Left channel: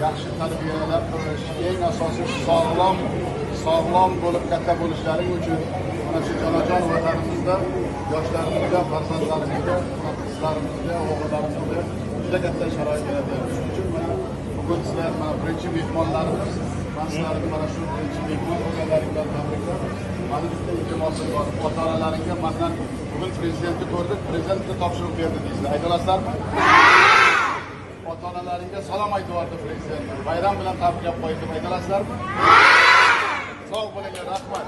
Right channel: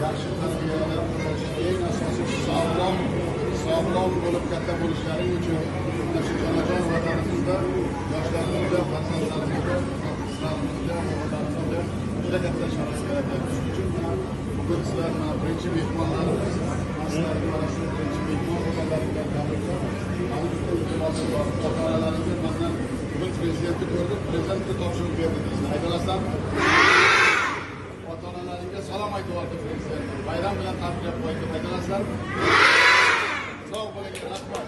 Yaxshi tarbiyalar ko'rishga eng asosiysi sog'lom bo'lib katta bo'lishlaring uchun mana shu jonajon vatanimizda yoshlarimizga, farzandlarimizga, qizlarimizga, o'g'illarimizga juda katta sharoit yaratamiz. Shuning uchun mana bugun sizlar mana birinchi mehmonlarimiz, sizlarga mana shu birinchi mehmon bo'lganlaringizdan tabriklar. Mana bitta iltimosim bor. Ota-onalaringga mendan bugun prezidentni ko'rdik, prezidentga topshiriq berdi deysizlar. Aytalasizlarmi? Ota-onalaringga salom aytib yubordi prezident. Bayram bilan tabriklab qo'ydi. Aytalasizlarmi? Sog' bo'linglar, rahmat.